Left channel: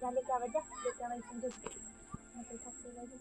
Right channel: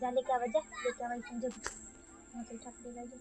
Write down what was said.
जाने क्या वजह लेके आवाई समझो। मैं तो ठक दे गई।